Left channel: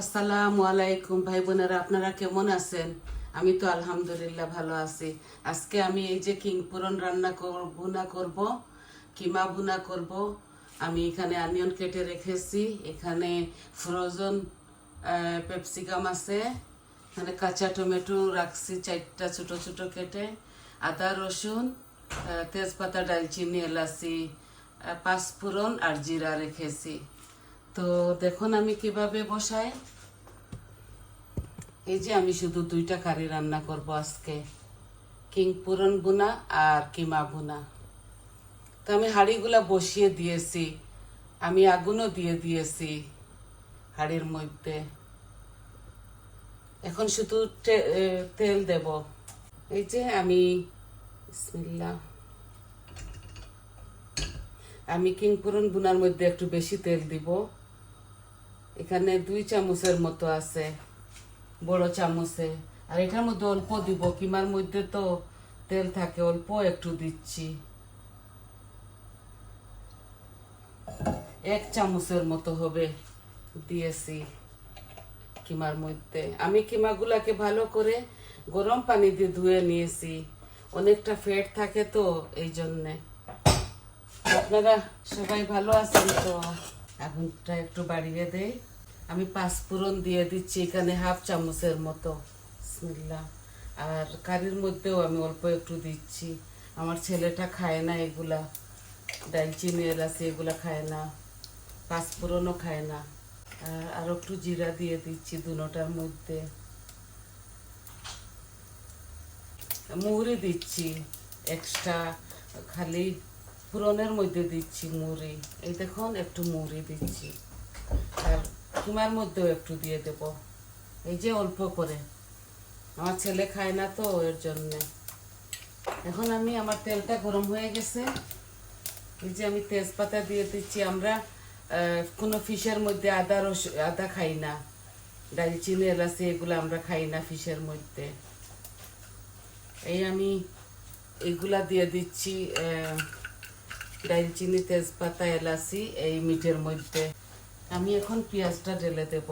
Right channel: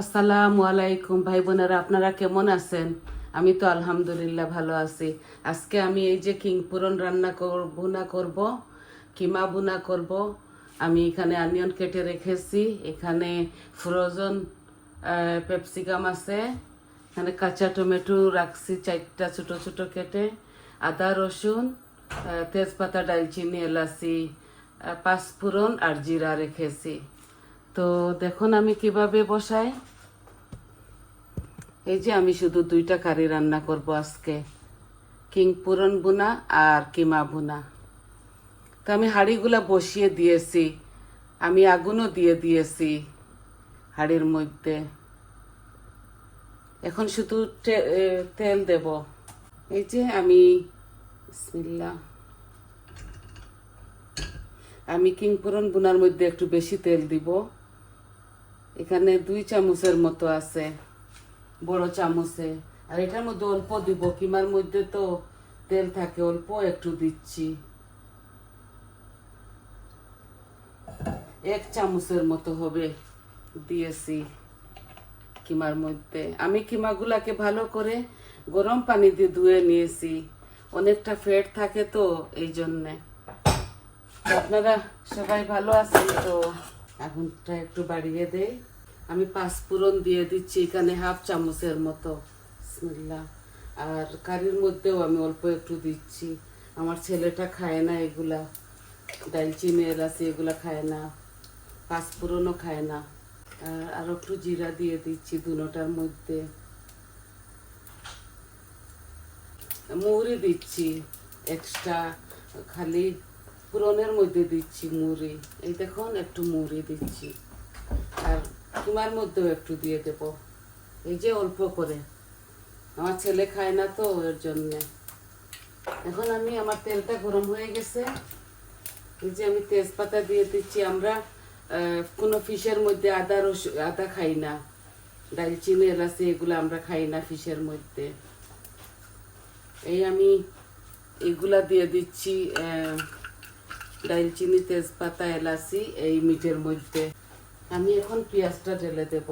আসসালামু আলাইকুম ভাই বোনেরা, আপনারা কেমন আছেন? আমি তো আলহামদুলিল্লাহ ভালো আছি। আজকে আমি এই যে পুরন রান্না ভুনা করব, কিমা ভুনা করব। আমি এখানে অনিয়ন কেটে রেখেছি, এখানে ফ্রোজেন পেপসিকাম আছে, এখানে কাঁচা টমেটো রাখছি 4টা ছোট ছোট কেটে, আদা রসুন, তেজপাতা, ডালচিনি, এলাচি, পাঁচফোড়ন আর জিরা রেখেছি। তো দেখুন আমি কিভাবে বসাই। এই যে আমি শুধু 2টা কারি রান্না করব আজকে, পুরন ভুনা আর কিমা ভুনা। তো আমি হাঁড়িগুলা বসিয়ে দিয়েছি, আমি আগুনও দিয়ে দিয়েছি হাঁড়ির মধ্যে। এখন শুধু তেল দেব। এই যে আমি বিসমিল্লাহ, আমি পুরন ভুনার মধ্যে একটু বেশি তেল দিব। এখানে 2 চামচের মতো আছে, বড় চামচে। আর এটার মধ্যে অল্প দিব, কিমার মধ্যে তো তেল থাকে, অল্প একটু দিচ্ছি। 1 চামচের মতো হবে দিয়েছি কিমার মধ্যে। আমি কিমাগুলাকে ভালো করে গরম পানি দিয়ে ধুয়ে নিয়েছি, অনেকটা ফ্যাট থাকে তো এই জন্যে। আপনারা সবাই ভালো আছেন তো? আগুনটা একটু বাড়িয়ে দেই। আমি পাঁচফোড়ন দিয়ে দিচ্ছি এখানে 1/2 চামচের মতো, বিসমিল্লাহ। আর কারির মধ্যেও আমি অল্প একটু দিচ্ছি, আমার ছেলেটা খায় না এগুলা, ডালচিনি এলাচি এগুলা খায় না, পাঁচফোড়নও খায় না। আর একটু জিরা দিয়ে দিচ্ছি দুটোটার মধ্যে, মুড়ি দিচ্ছি এক্সট্রা, খালি ফোড়নের মধ্যে দিচ্ছি মুড়ি। এই দেখুন একটু মুড়ি দিচ্ছি, আর তোমার মধ্যেও একটু দিয়ে দেব, এই যে অল্প করে, আমার ছেলে খায় না তো এর জন্যে। এখন আমি, আমার তেলটা গরম হয়ে গেছে, এই যে আমি তেজপাতা দিয়ে দিচ্ছি। আমরা কোনো ফিশের মধ্যে আদা খাই না, ডালচিনি এলাচি এগুলো আমরা খাই না ফিশের মধ্যে। এই আমি এগুলা দিয়ে দিচ্ছি, ডালচিনি, তেজপাতা, এলাচি এই মিটের মধ্যে। আমি এখন পেঁয়াজটা ঢেলে দেব,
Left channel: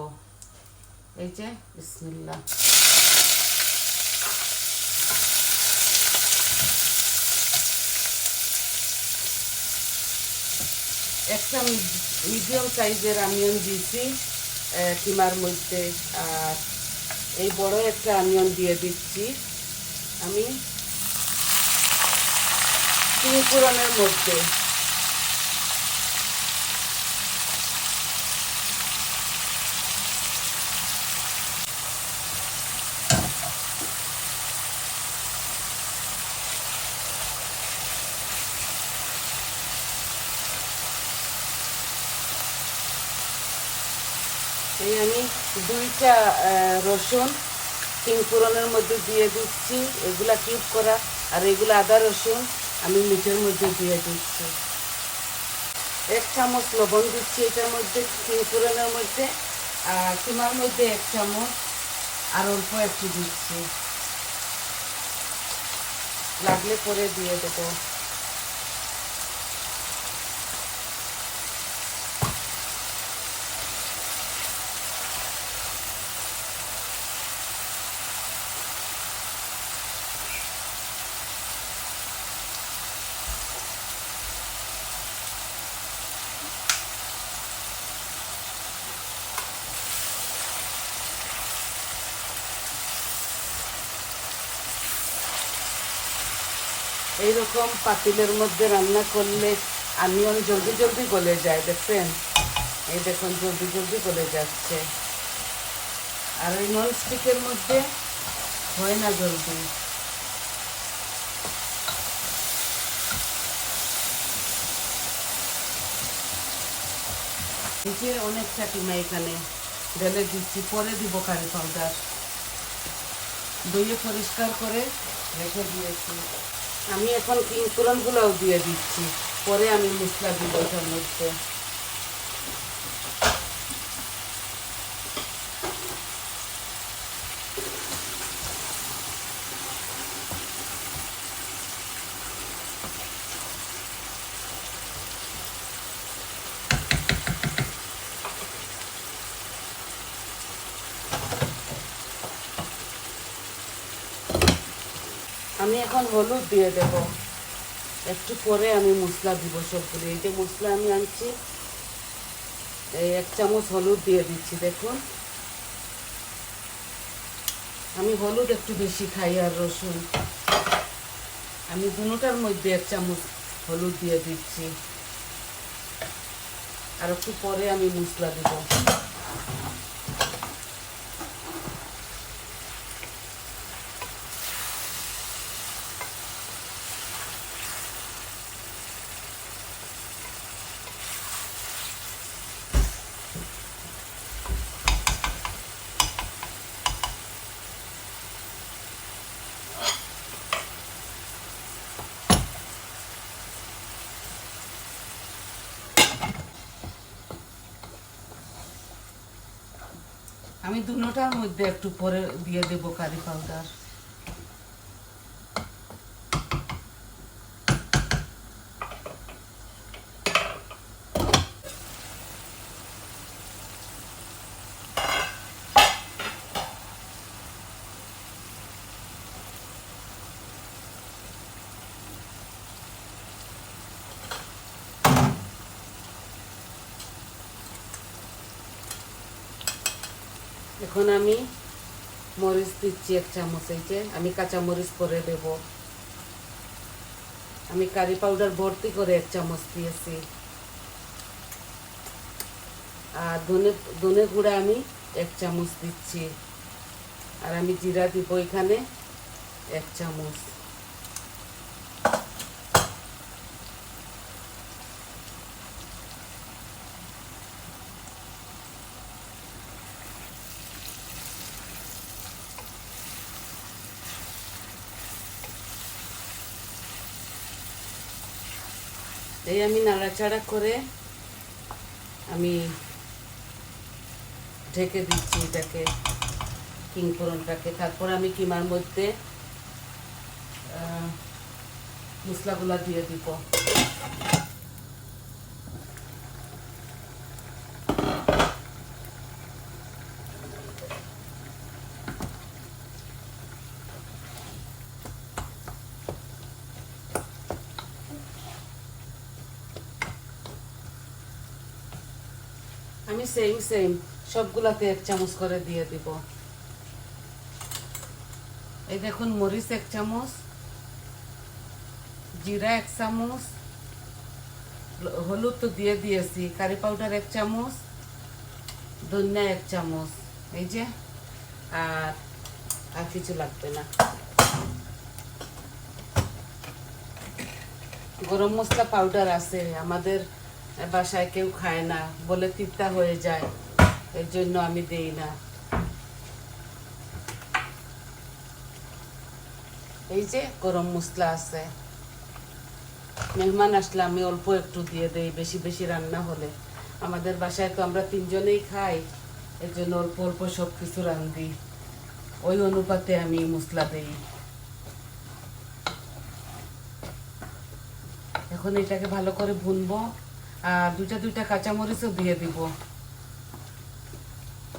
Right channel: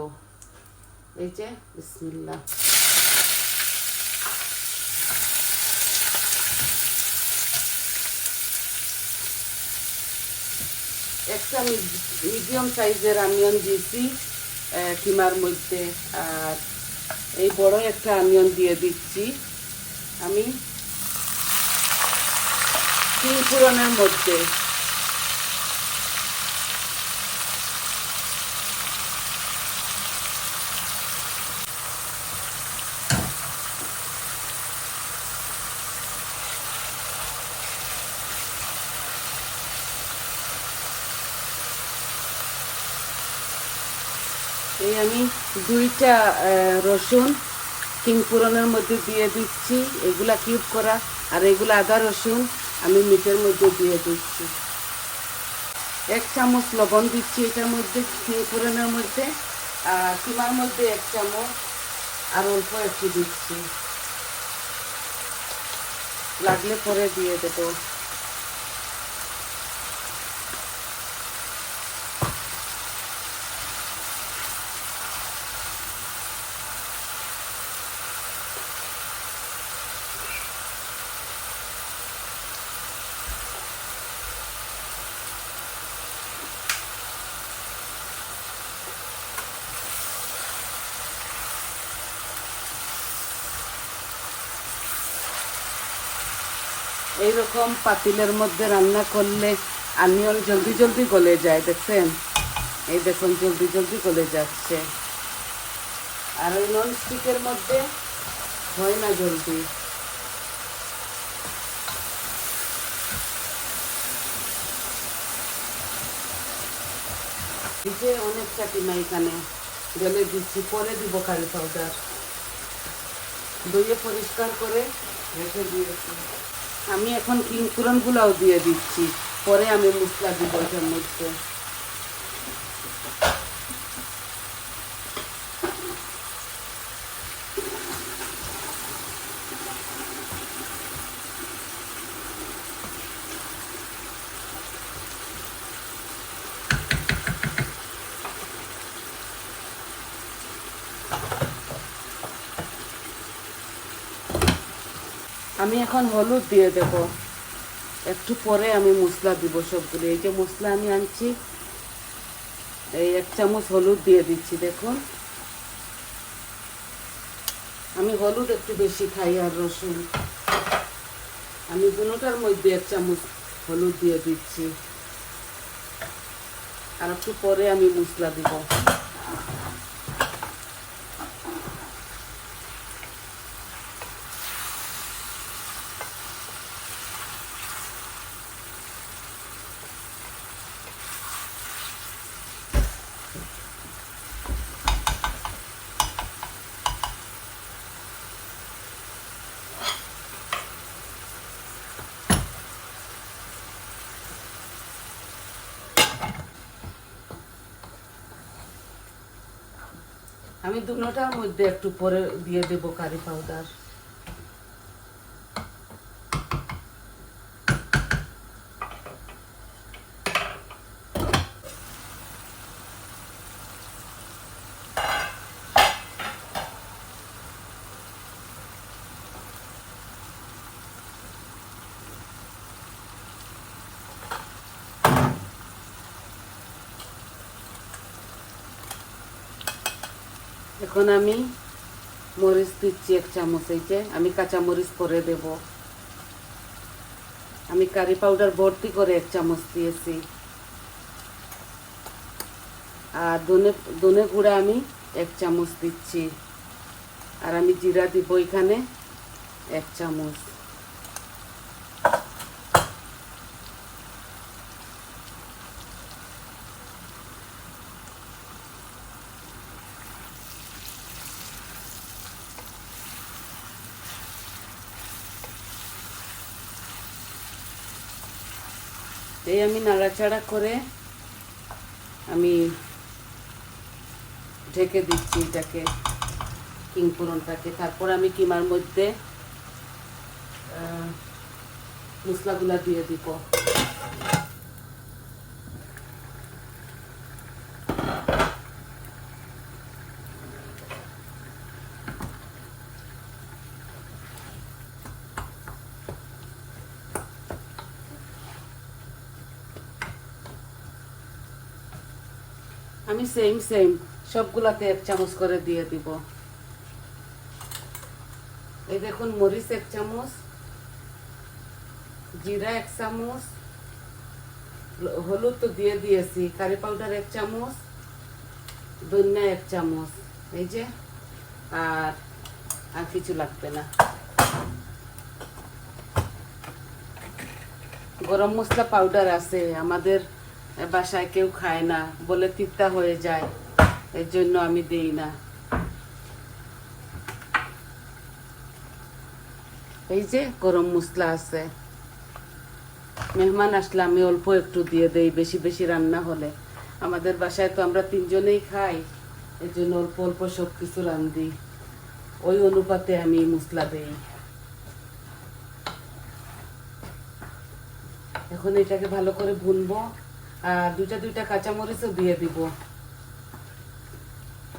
এই যে বিসমিল্লাহ। একটা মিডিয়াম সাইজের অনিয়ন দিয়েছি কিমার মধ্যে, আর এই বড় একটা অনিয়ন দিয়ে দিচ্ছি আমি ফোড়নের মধ্যে। এই আমি 2টা রসুন ফোড়নের মধ্যে দিয়ে দিচ্ছি, এগুলা কিউব করা, আর এগুলো আদা রসুন আমি মিটের মধ্যে দিয়ে দিচ্ছি। 1 চামচ লবণ দিচ্ছি এটার মধ্যে, ফোড়নের মধ্যে, আর কিমার মধ্যে 1 চামচ, আর অল্প একটু দিচ্ছি, লাগলে পরে দিয়ে দেবো। এইরকম পাতিলের মধ্যে রান্না করলে অনিয়ন জলদি জলদি গলে যায়, দেখছেন? এই দেখুন জলদি জলদি গলে যাচ্ছে, আর ওই নন স্টিকের মধ্যে হয় না জলদি। এই যে অনেকটা কিমা এখানে ঢেলে দিচ্ছি, পরে দিব কারি পাউডার, ধুয়ে পরিষ্কার করে রেখে দিয়েছি। আমি এখন ফোড়নগুলাও দিয়ে দিচ্ছি, পরে আমি মশলা দিব এটার মধ্যে। এখন হলুদ দিয়ে দেব, একটু পরে আমি মশলা দিব সবগুলো। এই যে মশলা আমি আনছি, এই 1 চামচ হলুদ দিয়ে দিচ্ছি। দেখুন আমি হলুদ একটু বেশি খাই আর রসুন, আমি দুটোটার মধ্যে 1 চামচ হলুদ দিয়ে দিচ্ছি। আর একটু পরে আমি মশলা দিব। আমি দুটোটার মধ্যে একটু পরে দিয়ে দেব কারি পাউডার। এখন আমি মরিচ দিচ্ছি 1 চামচ। এই যে আমি কাঁচা মরিচ করে দেব। আমি কারি পাউডার ভর্তি করে 1 চামচ দিয়েছি। আর ধনে গুঁড়া আমি 1 চামচ দিচ্ছি। আর আমি জিরা দিব এখানে 1 চামচ। এই আমি নাড়াচাড়া করে আমি ঢেকে দিচ্ছি এটাকে, কিং ফোড়নটাকে। তারপর আমি কিমার মধ্যে মশলাগুলা দিয়ে দিব। আমি সেম সবগুলাতে 1 চামচ করে দিয়ে দিব। এই দেখুন মরিচ 1 চামচ, জিরা 1 চামচ, হলুদ তো দিয়ে দিয়েছি, কারি পাউডার 1 চামচ, ধনিয়া 1 চামচ। এই যে আর কিছু লাগবে না। গরম মশলা পাউডার আছে, আমাদের বাসায় কেউ খায় না, বলে তিতা হয়ে যায়, এর জন্য আমি দেই না। এই যে গরম মশলা আছে, মেহমান আসলে আমি অল্প একটু দিয়ে দেই, বেশি বেশি রান্না হলে। আমাদের বাসায় তো আমরা 3 জনেই খাই, এর জন্য অল্প অল্প সব কিছু রান্ধি, ওই অনুপাতে আমি মশলা দেই। এখন এটাকে ভালো করে ভুনবো। আর দুইটা কাঁচামরিচও দিয়ে দিব।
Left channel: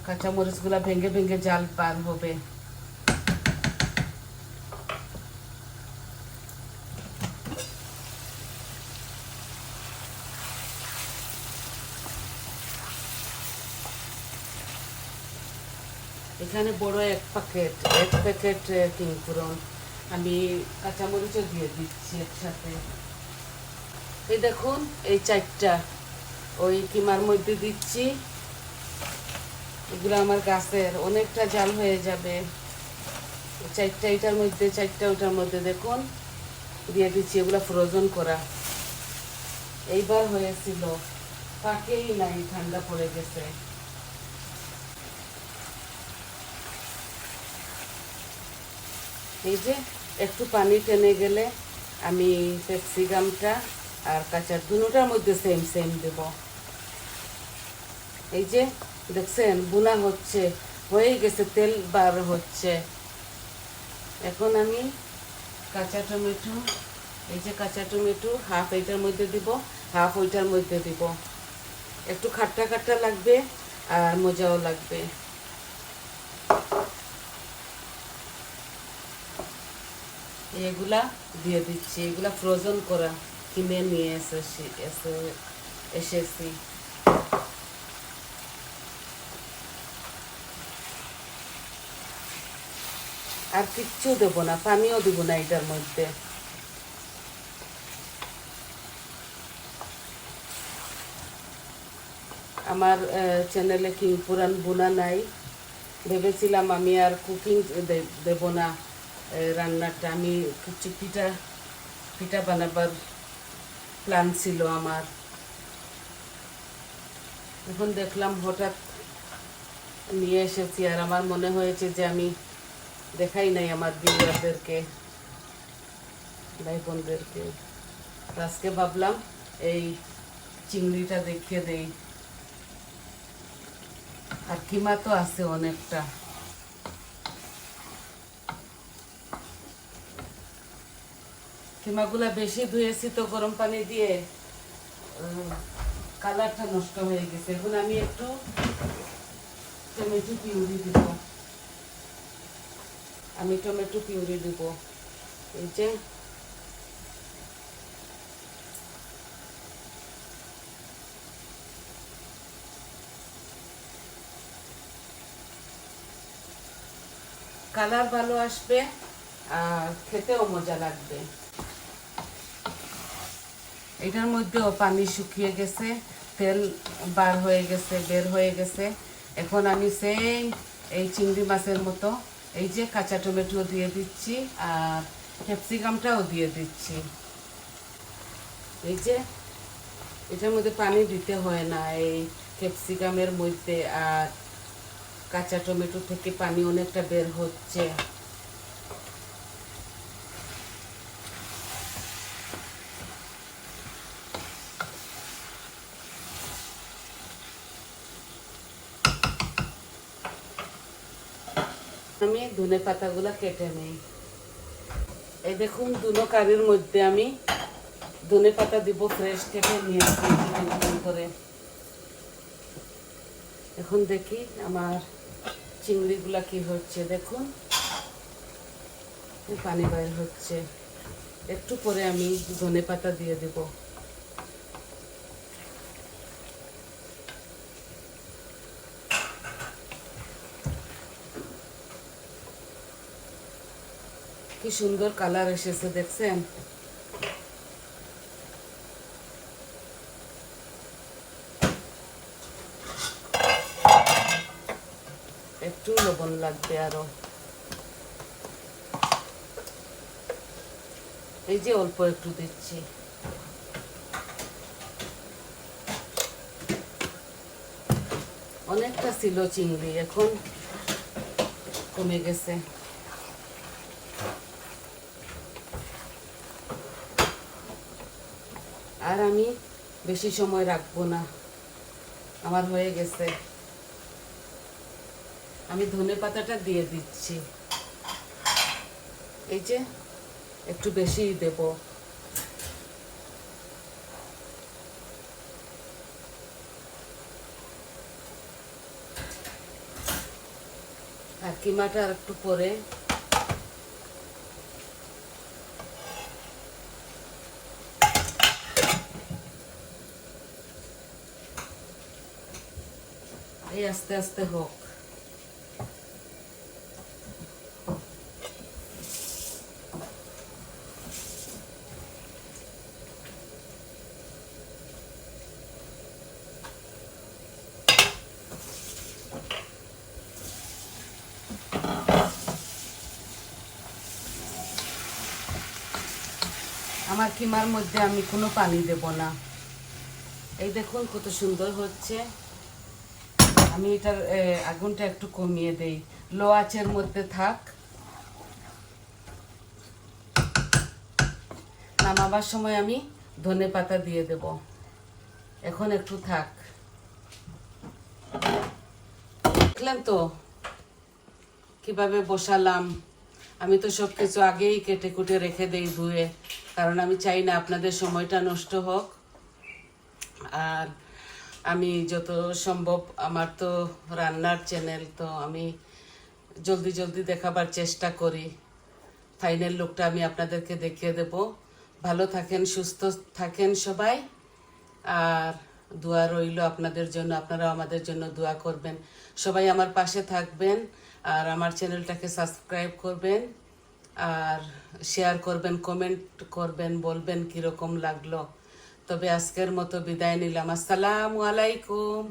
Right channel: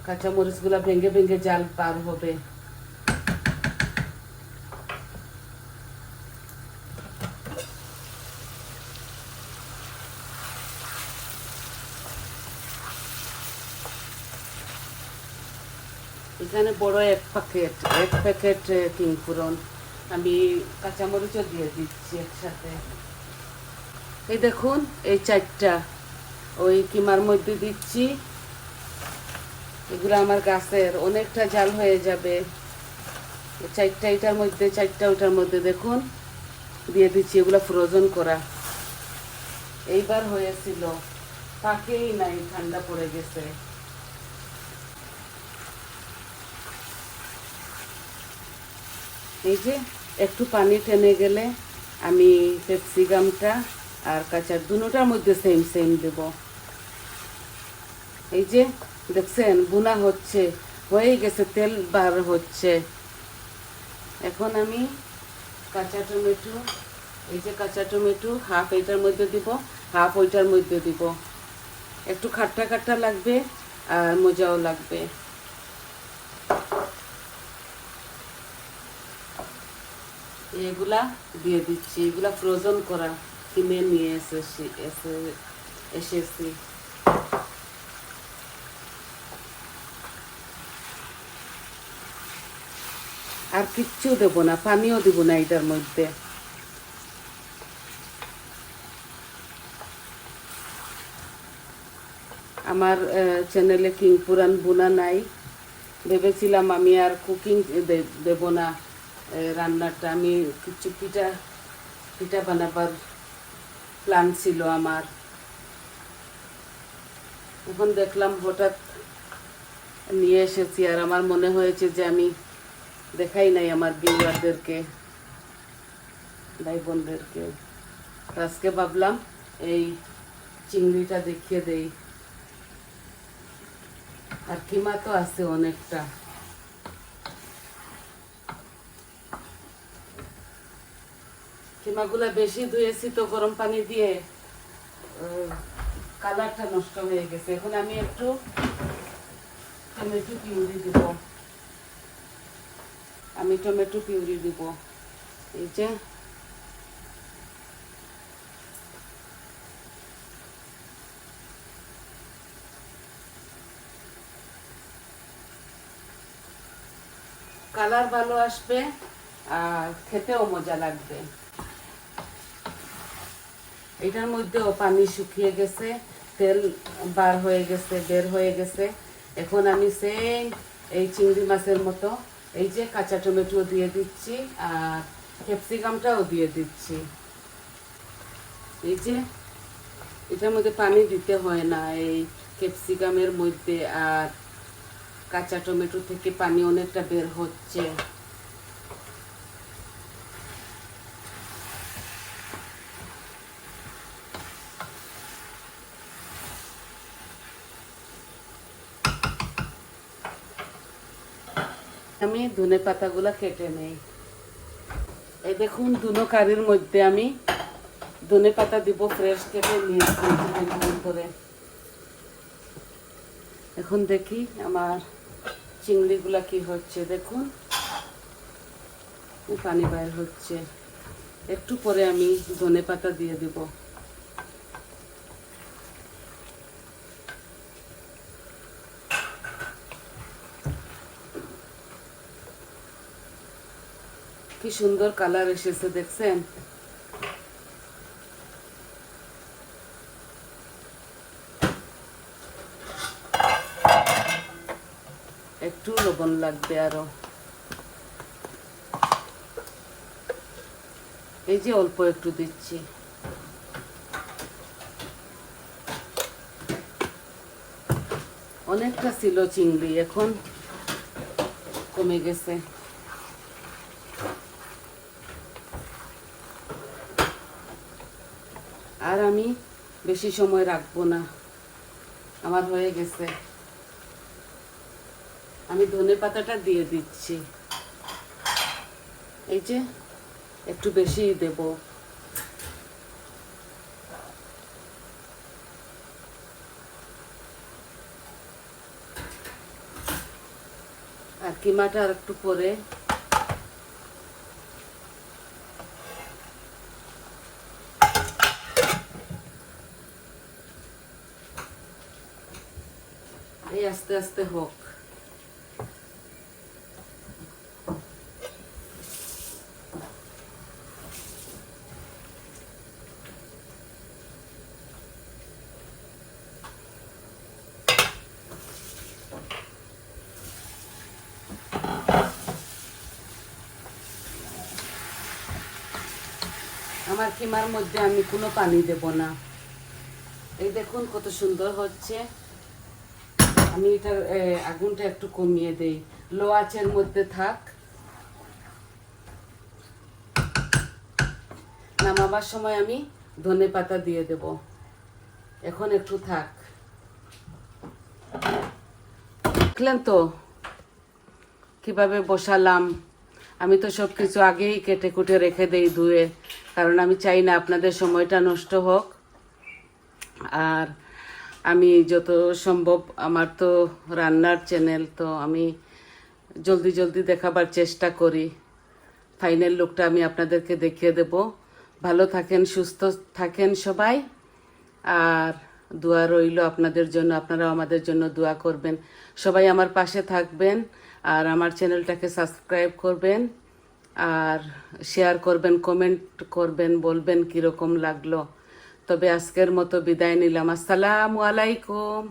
কাঁচামরিচগুলা ভেঙে ভেঙে জাল পার হবে। এখানে বড় 1 প্যাকেট কিং ফোড়ন, আমি কাঁচামরিচও দিয়ে দিচ্ছি একসাথে। এই দেখুন এই 4টা ওই কিমার মধ্যে দিচ্ছি। এগুলো আমার গাছের, অনেকটা জাল হয়ে যাবে। 4টা এটার মধ্যে, 4টা ওটার মধ্যে দেখুন দিয়ে দিচ্ছি। এগুলো ফ্রোজেন করা, এইবার হয়েছিল, পাকেই নাই, ঠান্ডা পড়ে গেছে। এই যে একটু পানি টেনে গেলে আমি ক্যাপসিকামটা আর কাঁচা দুটোটার মধ্যে সেম দেব। এই যে দেখছেন ভুনা হচ্ছে, হয়ে গেছে, তেল বার হচ্ছে। এখন আমি কাঁচা টমেটো, এই যে কাঁচা টমেটো হাফ এটার মধ্যে দিব, হাফ ওইটার মধ্যে দিব। একটু খাট্টা খাট্টা লাগবে আর মজাও লাগবে। এগুলা দিয়ে দিচ্ছি। এগুলা ফ্রোজেন করা কিনে নিয়ে এসেছি। আর কিচ্ছু দেবো না, পানিও দেবো না এটার মধ্যে। আমার চ্যানেলে পুরান বুনা নাই, ভেবেছিলাম আমি আর কুকিং দেব না রান্নাটা, আমি কিছু পিঠা বানাবার প্ল্যান ছিল আমার। এখন দেখলাম হঠাৎ নিয়ে এসেছি, আর আমার মনে হয়েছে যে আমি দেখাই নাই আমার ভিউয়ারদেরকে, ভাই বোনদেরকে। আজকে ভাবলাম এই চিংড়িটা দেখিয়ে দেই। আর কিমা তো আছে অনেকটা। কিমাগুলা বেশি ধুয়েছি তো গরম পানি দিয়ে, কালারটা নষ্ট হয়ে গেছে। এখন আমি একটু টমেটো পিউরি দিব। এই যে কালার ভালো আসবে আর খেতেও মজা লাগবে। এটার মধ্যেও পানি শুকিয়ে গেছে, তেল বের হয়ে গেছে। এখন আমি সেম এই চিংড়ি মাছের মতো এই যে কাঁচা টমেটো দিয়ে দিচ্ছি আর ক্যাপসিকামটাও দিয়ে দিচ্ছি। এই যে এটার মধ্যে পানি দিতে হয় না, এই ক্যাপসিকামের মধ্যে আর কাঁচা টমেটো থেকে পানি অনেকটা বের হচ্ছে। আমি ধনে পাতাগুলা কেটে নিই। এই দেখুন দুনো কারির মধ্যে আমি ধনে পাতা দিব, ফ্রেশ কেটে নিয়েছি করে। এখন দেখি আমার চিংড়িগুলা কি হচ্ছে। দেখুন পানি বাইর হচ্ছে। একটু পরে আমি ধনে পাতা দিয়ে দেব। কি সুন্দর কালার এসেছে দেখছেন। একটু লবণ লাগবে আরো। এই যে অল্প একটু দিচ্ছি। অনেকটা ছিল চিংড়ি, এখন কমে গেছে। আর আমি বেশি সময় রাখবো না, আমার হয়ে গেছে। আমি ধনে পাতাটা দিয়ে দিচ্ছি। এই যে একটু বেশি দেব। আর কিমাটা একটু পরে এই আস্তে আস্তে হোক। আমার কিমার মধ্যে আমি কোনো পানি দেব না। এই দেখুন কত সুন্দর হচ্ছে। আমি এটার আগুনটা একটু কমিয়ে দেই, লো আঁচের মধ্যে থাক। নামাবার সময় আমি ধনে পাতা দিয়ে দেব। এখন একটু থাক। দেখলেন তো কিভাবে বসালাম। আমি তো সব কিছু আগেই কেটে কুটে রেখে দেই ধুয়ে, কারণ আমি চাই না আপনাদের সময়টা নষ্ট হোক। আর আমি যত সম্ভব, আমার তো রান্নার চ্যানেল, তো আমি জলদি জলদি দেখাবার চেষ্টা করি। ফাইনাল লুকটা আমি আপনাদেরকে দেখিয়ে দেব। ভালো থাকেন, সুস্থ থাকেন সবাই, আর দোয়া রইল আপনাদের জন্য। আপনারাও আমাদের জন্য দোয়া করবেন। সবাই আমার পাশে থাকবেন, আর আমার চ্যানেলটাকে সাবস্ক্রাইব করবেন, আর শেয়ার করবেন, কমেন্ট করবেন, বলবেন কীরকম লাগলো। তবে আজকের মতো বিদায় নিলাম। আসসালামু আলাইকুম।